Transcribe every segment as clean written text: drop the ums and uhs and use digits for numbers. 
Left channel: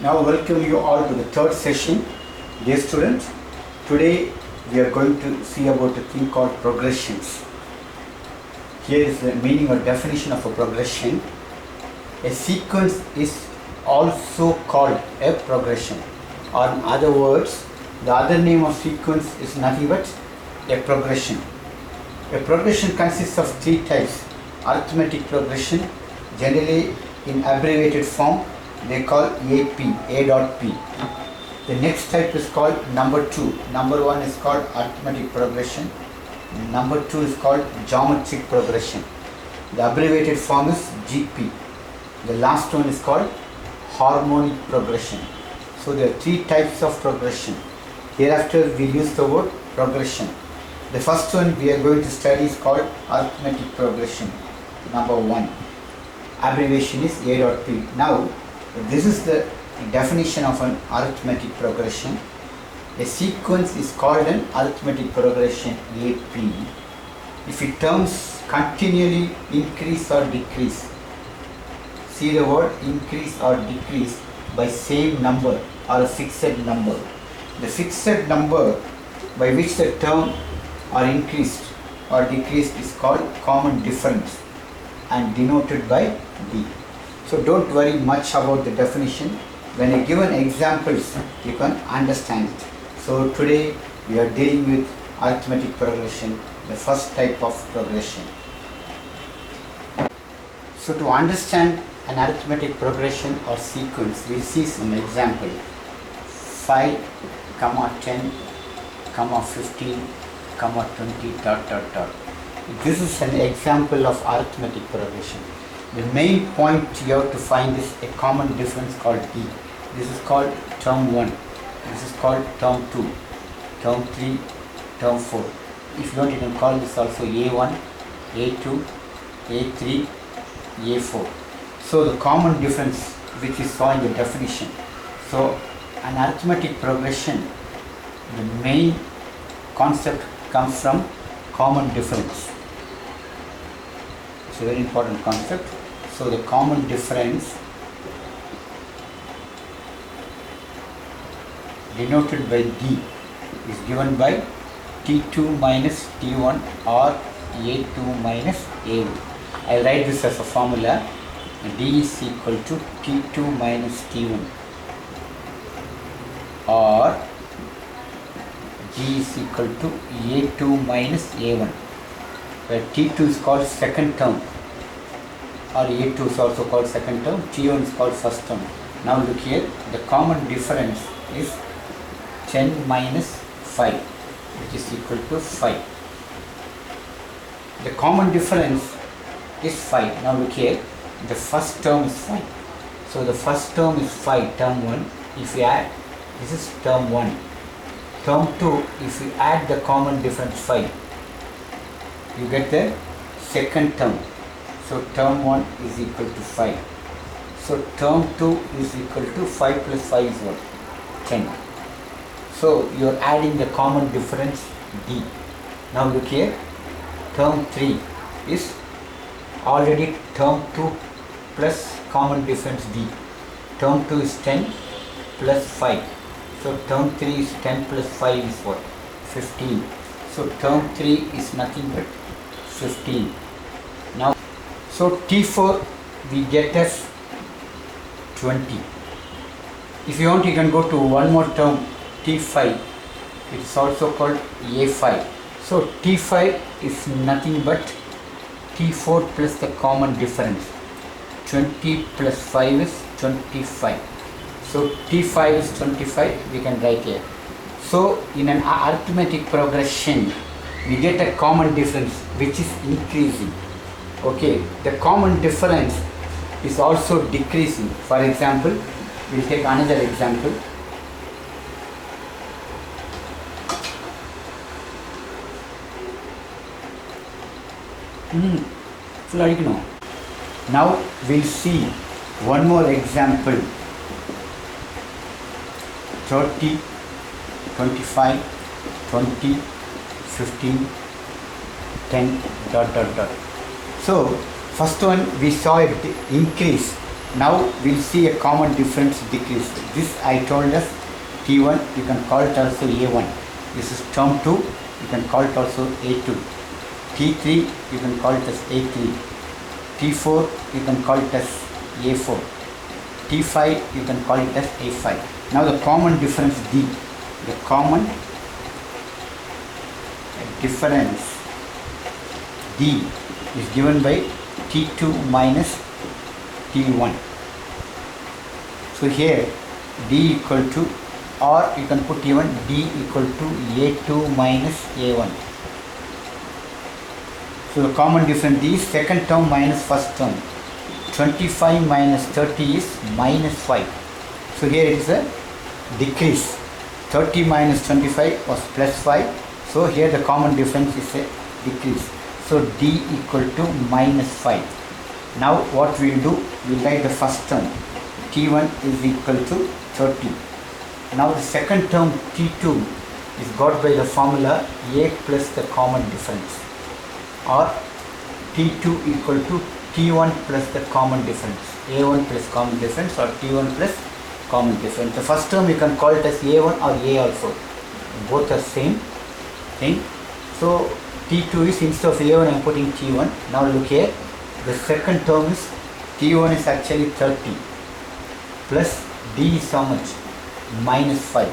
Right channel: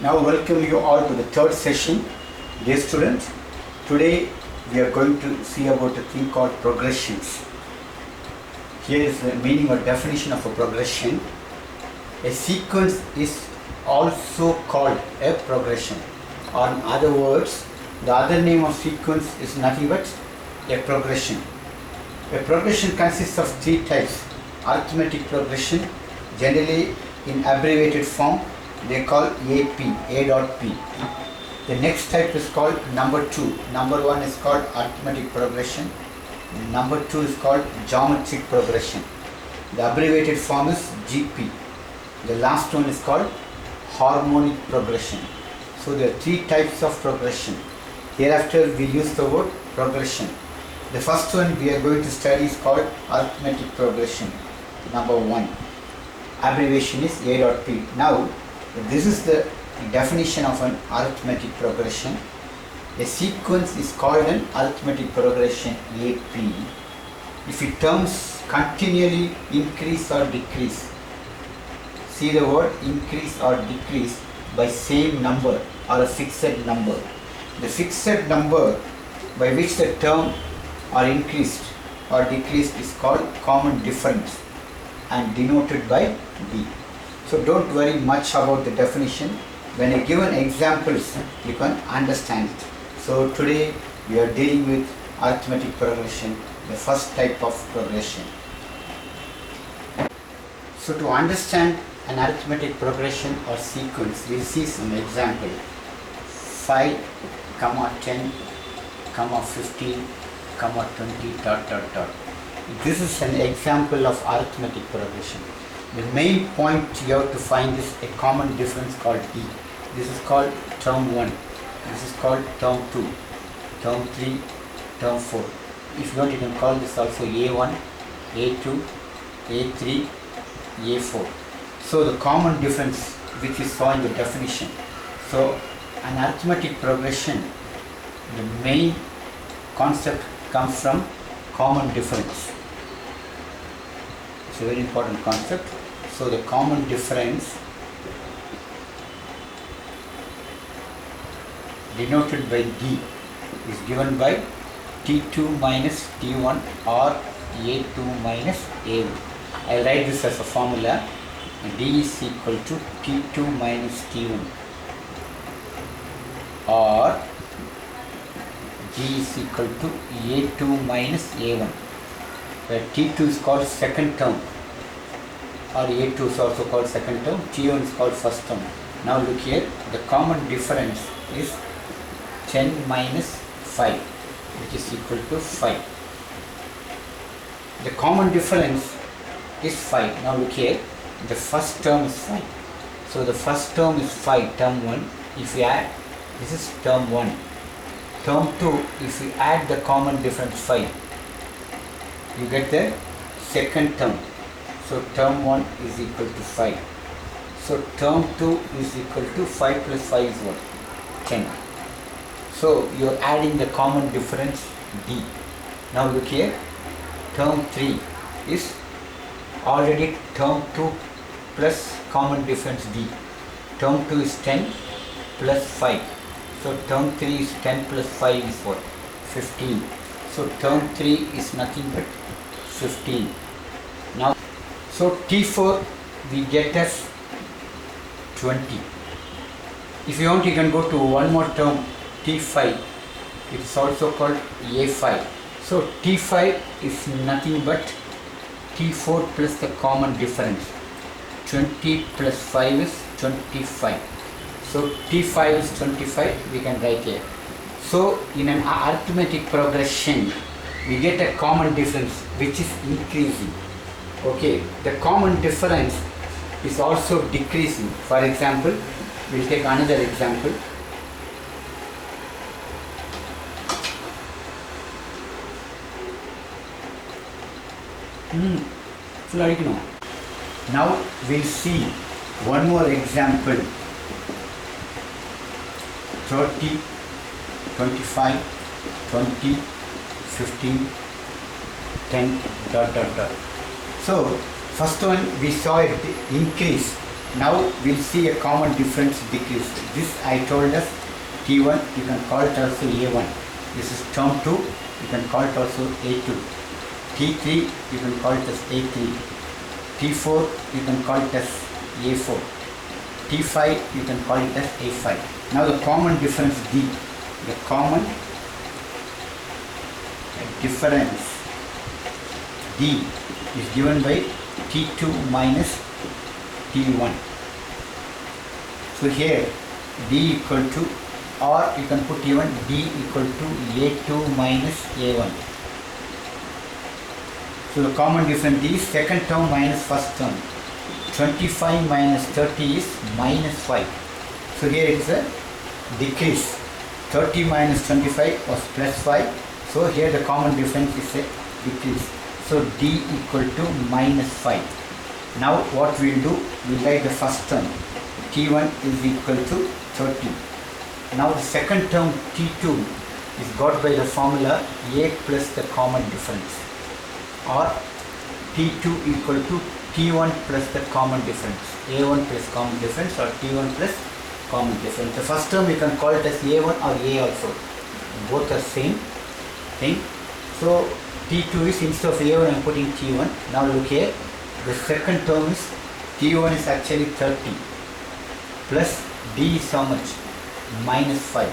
Now welcome you all to the third session. Dear students, today we are going to see about a thing called progressions. Here is the meaning or definition of a progression. A sequence is also called a progression, or in other words, the other name of sequence is nothing but a progression. A progression consists of three types. Arithmetic progression, generally in abbreviated form, they call AP, A dot P. The next type is called number 2. Number 1 is called arithmetic progression. Number 2 is called geometric progression. The abbreviated form is GP. The last one is called harmonic progression. So there are three types of progression. Hereafter we use the word progression. The first one we are going to study is called arithmetic progression. Number 1. Abbreviation is A dot P. Now, this is the definition of an arithmetic progression. A sequence is called an arithmetic progression AP if its terms continually increase or decrease. See the word increase or decrease by same number or a fixed number. The fixed number by which the term are increased or decreased is called common difference and denoted by D. So don't worry much about the definition. When I give an examples, you can understand it. So today we are dealing with arithmetic progression, the first type of progression. So to understand an arithmetic progression or sequence, we'll see some example. 5, 10, 15, 20, ... This is an example of arithmetic progression. The main point you have to find is a common difference called D. This is called term 1. This is called term 2, term 3, term 4. If you want, you can call this also A1, A2, A3, A4. So the common difference which we saw in the definition. So an arithmetic progression, the main concept comes from common difference. It's a very important concept. So the common difference denoted by D is given by T2 minus T1 or A2 minus A1. I write this as a formula. D is equal to T2 minus T1 or D is equal to A2 minus A1, where T2 is called second term or A2 is also called second term, T1 is called first term. Now look here, the common difference is 10 minus 5, which is equal to 5. The common difference is 5. Now look here, the first term is 5. So the first term is 5, term 1. If you add, this is term 1. Term 2, if you add the common difference 5, you get the second term. So term 1 is equal to 5. So term 2 is equal to 5 plus 5 is what? 10. So you are adding the common difference D. Now look here, term 3 is already term 2 plus common difference D. Term 2 is 10 plus 5. So term 3 is 10 plus 5 is what? 15. So term 3 is nothing but 15. Now, so T4 we get as 20. If you want, you can go to one more term, T5. It is also called A5. So T5 is nothing but T4 plus the common difference. 20 plus 5 is 25. So T5 is 25, we can write here. So in an arithmetic progression, we get a common difference which is increasing. Okay, the common difference is also decreasing. For example, we'll take another example. full அடிக்கணும். Now we'll see one more example. 30, 25, 20, 15, 10, dot dot dot. So first one we saw it increase. Now we'll see a common difference decrease. This I told us T1, you can call it also A1. This is term 2, you can call it also A2. T3, you can call it as A3. T4, you can call it as A4. T5, you can call it as A5. Now the common difference D. The common difference D is given by T2 minus T1. So here D equal to, or you can put even D equal to A2 minus A1. So the common difference D is second term minus first term. 25 minus 30 is minus 5. So here it is a decrease. 30 minus 25 was plus 5. So here the common difference is a decrease. So D equal to minus 5. Now what we will do, we will write the first term. T1 is equal to 30. Now the second term T2 is got by the formula A plus the common difference, or T2 equal to T1 plus the common difference. A1 plus common difference, or T1 plus common difference. The first term you can call it as A1 or A also. Both are same thing. So T2 is, instead of A1 I am putting T1. Now look here. The second term is T1 is actually 30 plus D is how much? Minus 5.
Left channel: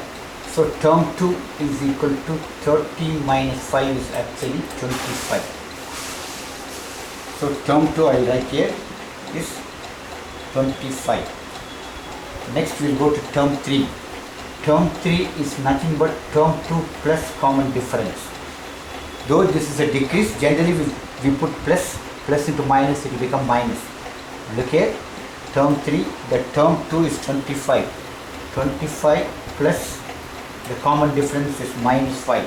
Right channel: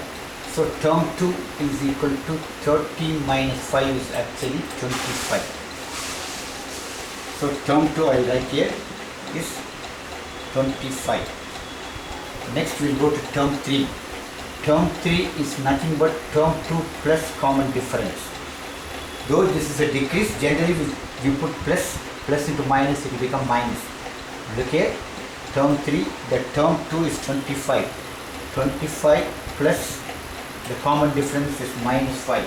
So term 2 is equal to 30 minus 5 is actually 25. So term 2 I will write here is 25. Next we will go to term 3. Term 3 is nothing but term 2 plus common difference. Though this is a decrease, generally we put plus into minus, it will become minus. Look here, term 3, the term 2 is 25. 25 plus the common difference is minus 5.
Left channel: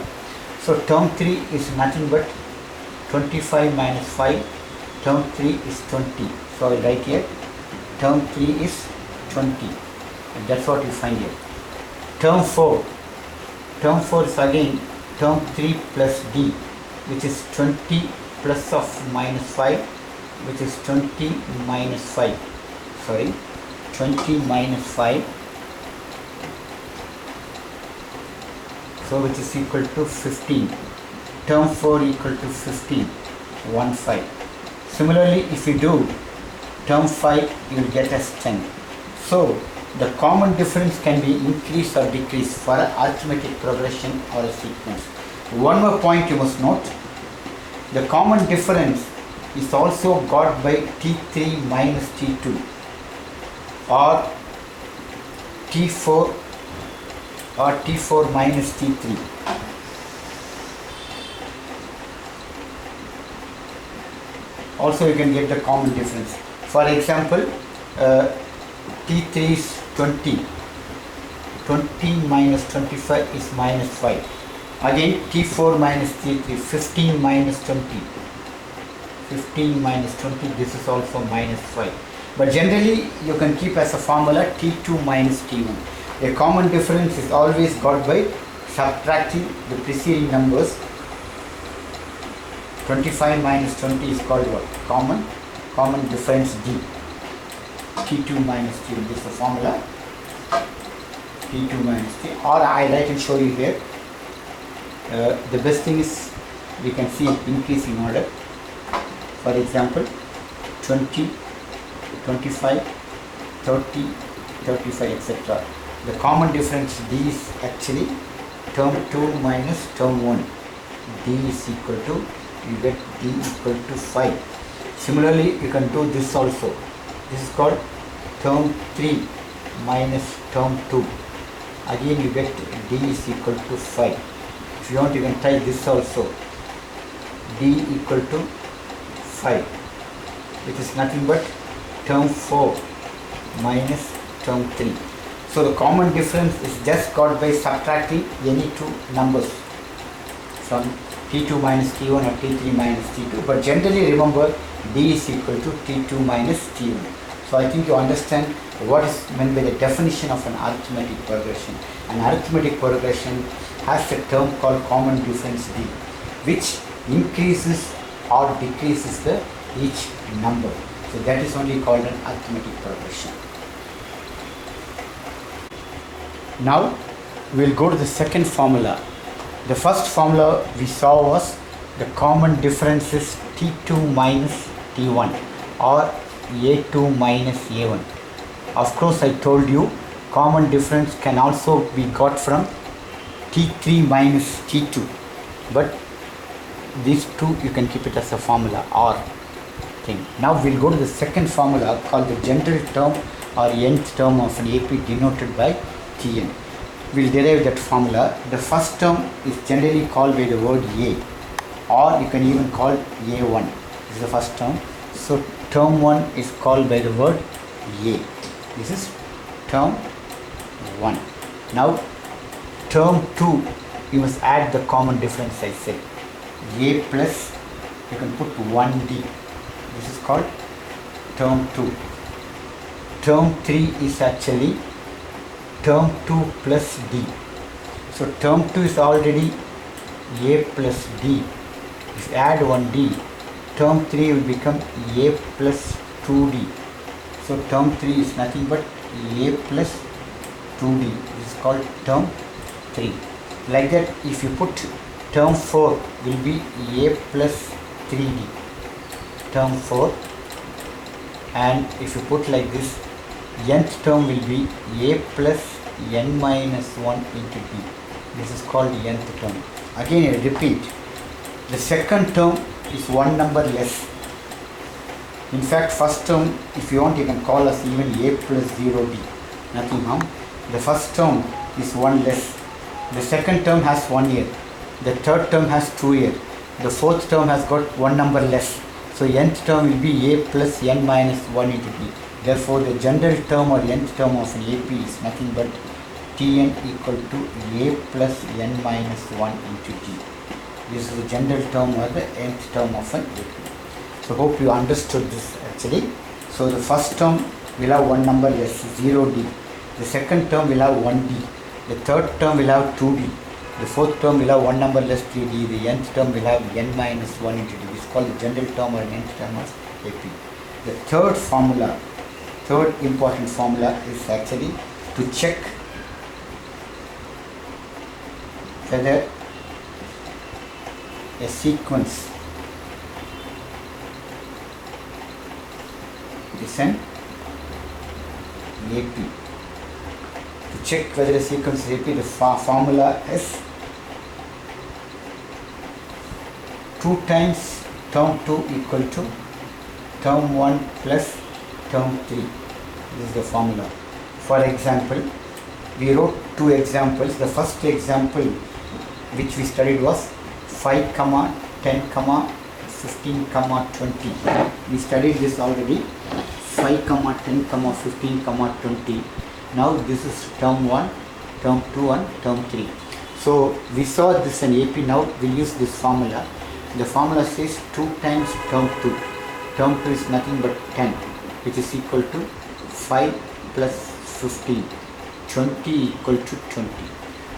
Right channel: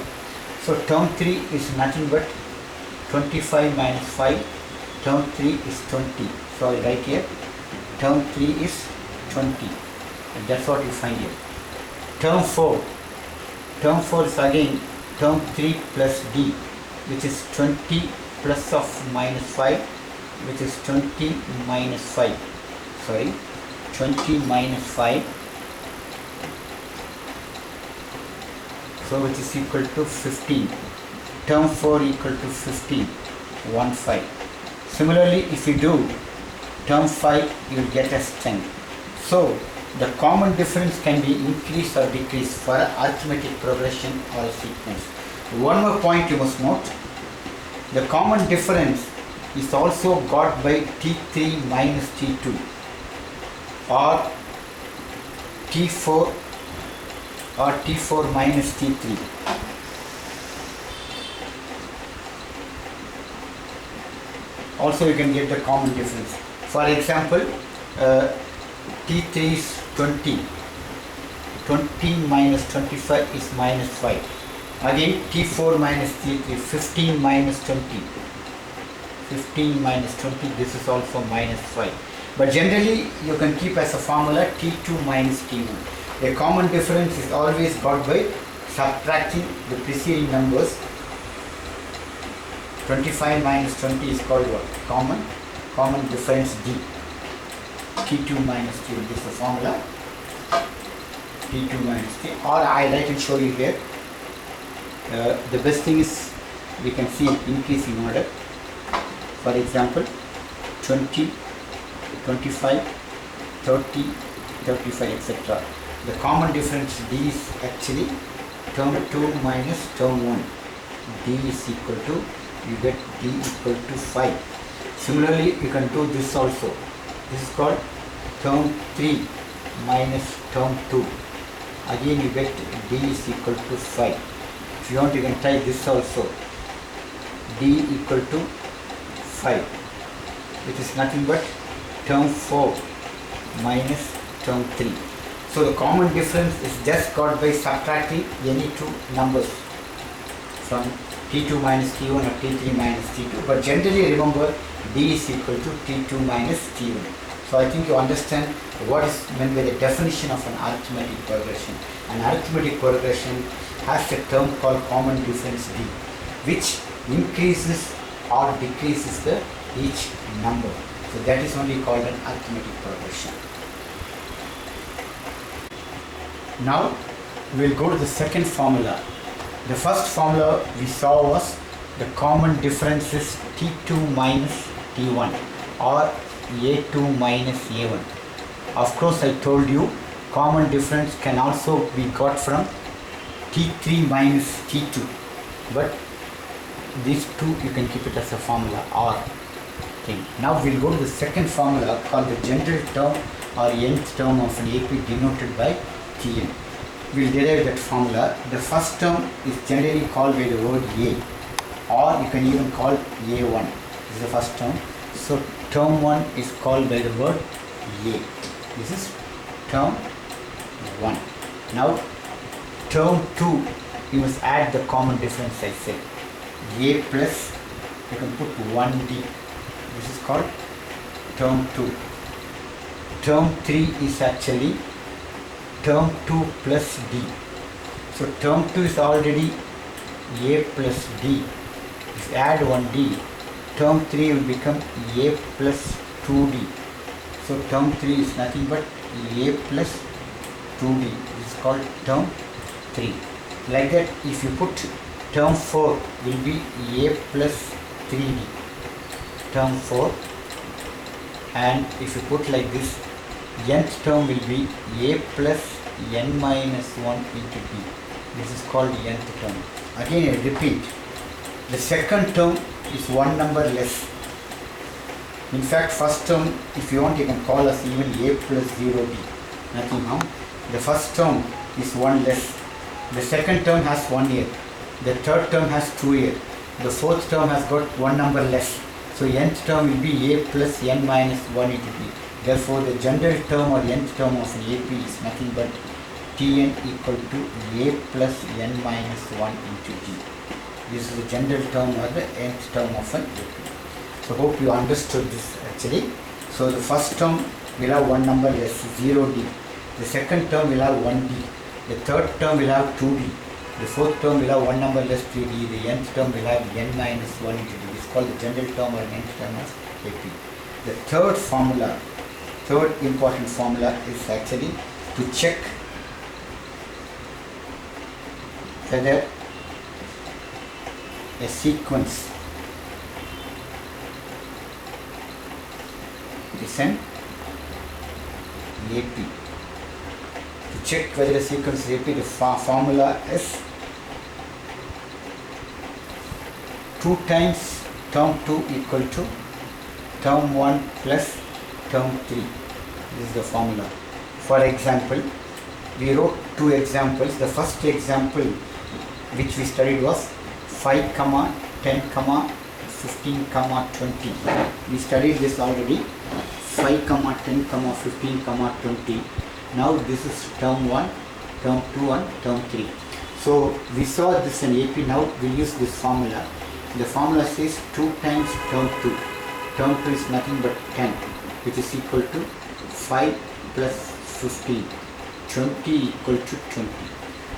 So term 3 is nothing but 25 minus 5. Term 3 is 20. So I will write here, term 3 is 20. And that's what you find here. Term 4. Term 4 is again term 3 plus D, which is 20 plus of minus 5, which is 20 minus 5. Sorry, 20 minus 5. So which is equal to 15. Term 4 equal to 15. 1, 5. Similarly, if you do term 5, you will get as 10. So the common difference can be increased or decreased for arithmetic progression or a sequence. One more point you must note. The common difference is also got by T3 minus T2 or T4 or T4 minus T3. Also you can get the common difference. For example, T3 is 20. 20 minus 25 is minus 5. Again T4 minus T3, 15 minus 20. 15 minus 20, this is also minus 5. But generally you can keep as a formula T2 minus T1. A common difference is always got by subtracting the preceding numbers. 25 minus 20 is called what? Common difference D. T2 minus T, this is the formula. T2 minus T, or I write and show you here. The best thing is we can see an increase in order. For example, 20, 25, 30, 35, etc. The common difference D is actually term 2 minus term 1. D is equal to, you get D equal to 5. Similarly, you can do this also. This is called term 3 minus term 2. Again you get D is equal to 5. If you want, you can try this also. D equal to 5, which is nothing but term 4 minus term 3. So the common difference is just got by subtracting any two numbers. from T2 minus T1 or T3 minus T2, but generally remember D is equal to T2 minus T1. So I think you understand what is meant by the definition of an arithmetic progression. An arithmetic progression has a term called common difference D, which increases or decreases each number. So that is only called an arithmetic progression. Now we will go to the second formula. The first formula we saw was the common difference is T2 minus T1 or A2 minus A1. Of course, I told you common difference can also be got from T3 minus T2, but these two you can keep it as a formula or thing. Now we'll go to the second formula called the general term or nth term of an AP denoted by Tn. We'll derive that formula. The first term is generally called by the word A, or you can even call A1. This is the first term. So term 1 is called by the word A. This is term 1. Now term 2, you must add the common difference I said. A plus, you can put 1D. This is called term 2. Term 3 is actually term 2 plus D. So term 2 is already A plus D. If you add 1D, term 3 will become A plus 2D. So term 3 is nothing but A plus 2D. This is called term 3. Like that, if you put term 4 will be A plus 3D. Term 4. And if you put like this, nth term will be A plus n minus 1 into D. This is called nth term. Again I repeat, the second term is one number less. In fact, first term, if you want, you can call us even A plus 0D. Nothing harm. The first term is one less. The second term has 1 year. The third term has 2 years. The fourth term has got one number less. So nth term will be A plus n minus 1 into D. Therefore, the general term or nth term of an AP is nothing but Tn equal to A plus n minus 1 into D. This is the general term or the nth term of an AP. So hope you understood this actually. So the first term will have one number less, 0D. The second term will have 1D. The third term will have 2D. The fourth term will have one number less, 3D. The nth term will have n minus 1 into D. This is called the general term or nth term of AP. The third formula, third important formula is actually to check whether a sequence is an AP. To check whether a sequence is AP, the formula is 2 times term 2 equal to term 1 plus term 3. This is the formula. For example, we wrote 2 examples. The first example which we studied was 5, 10, 15, 20. We studied this already. 5, 10, 15, 20. Now this is term 1, term 2 and term 3. So we saw this in AP. Now we'll use this formula. The formula says 2 times term 2. Term 2 is nothing but 10, which is equal to 5 plus 15. 20 equal to 20.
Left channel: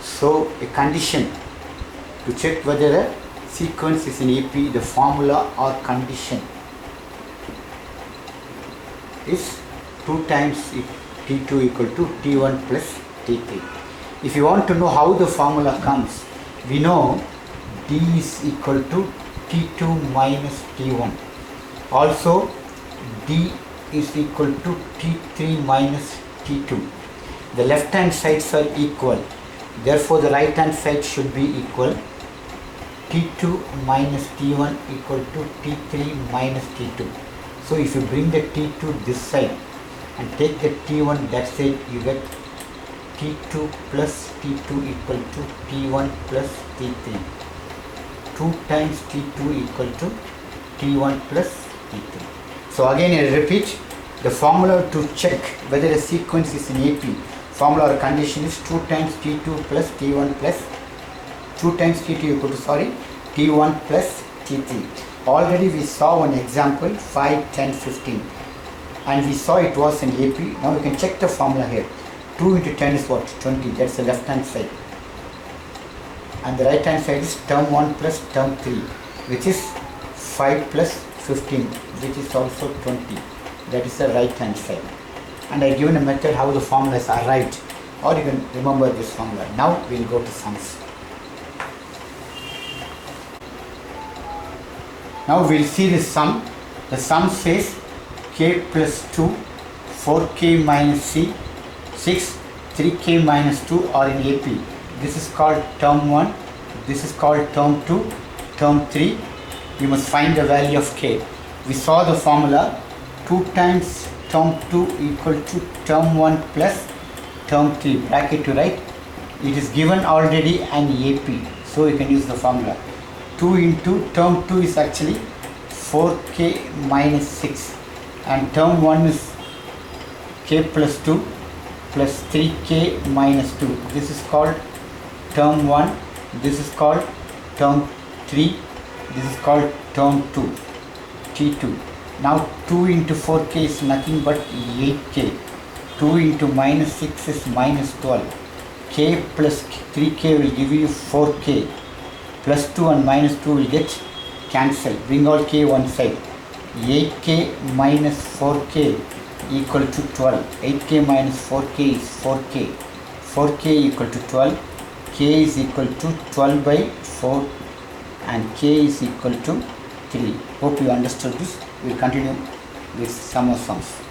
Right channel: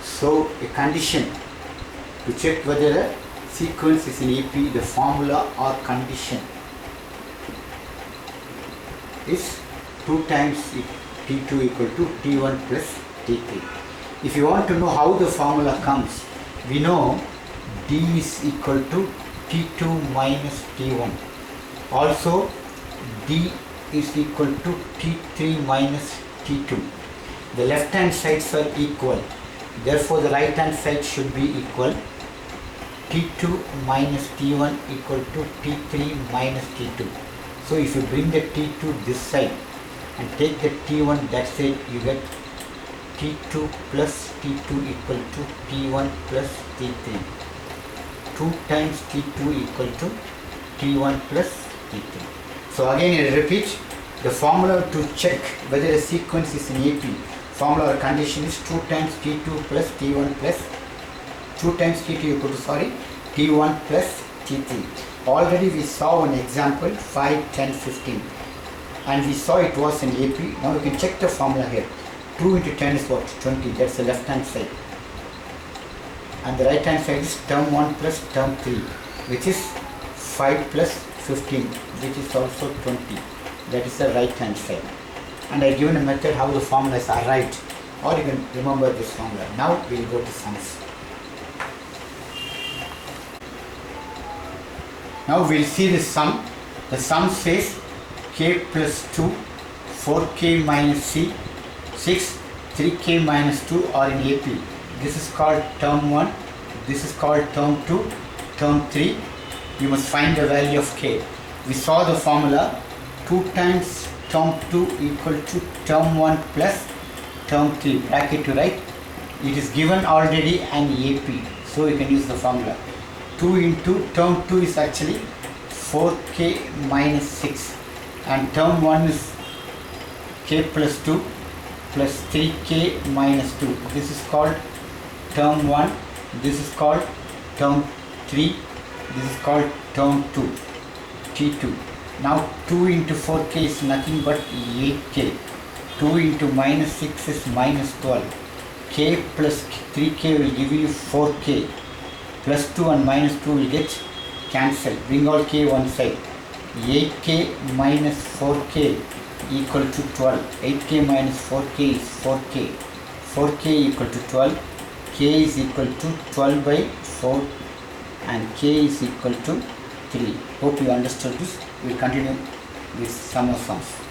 So a condition to check whether a sequence is in AP, the formula or condition is 2 times T2 equal to T1 plus T3. If you want to know how the formula comes, we know D is equal to T2 minus T1. Also D is equal to T3 minus T2. The left hand sides are equal. Therefore, the right hand side should be equal. T2 minus T1 equal to T3 minus T2. So if you bring the T2 this side and take the T1 that side, you get T2 plus T2 equal to T1 plus T3. 2 times T2 equal to T1 plus T3. So again I repeat, the formula to check whether a sequence is in AP, formula or condition is 2 times T2 plus T1 plus 2 times T2 equal to, T1 plus T3. Already we saw one example 5, 10, 15 and we saw it was in AP. Now you can check the formula here. 2 into 10 is what? 20. That's the left hand side. And the right hand side is term 1 plus term 3, which is 5 plus 15, which is also 20. That is the right hand side. And I given a method how the formulas are arrived, or you can remember this formula. Now we will go to sums. Now we will see the sum. The sum says k plus 2, 4k minus c, 6, 3k minus 2 are in AP. This is called term 1, this is called term 2, term 3. You must find the value of k. We saw the formula 2 times term 2 equal to term 1 plus term 3, bracket to right. It is given already an AP, so you can use the formula. 2 into term 2 is actually 4k minus 6 and term 1 is k plus 2 plus 3k minus 2. This is called term 1, this is called term 3, this is called term 2, T2. Now 2 into 4k is nothing but 8k. 2 into minus 6 is minus 12. K plus 3k will give you 4k. Plus 2 and minus 2 will get cancelled. Bring all k one side. 8k minus 4k equal to 12. 8k minus 4k is 4k. 4k equal to 12. K is equal to 12 by 4 and k is equal to 3. Hope you understood this. We will continue with some more sums.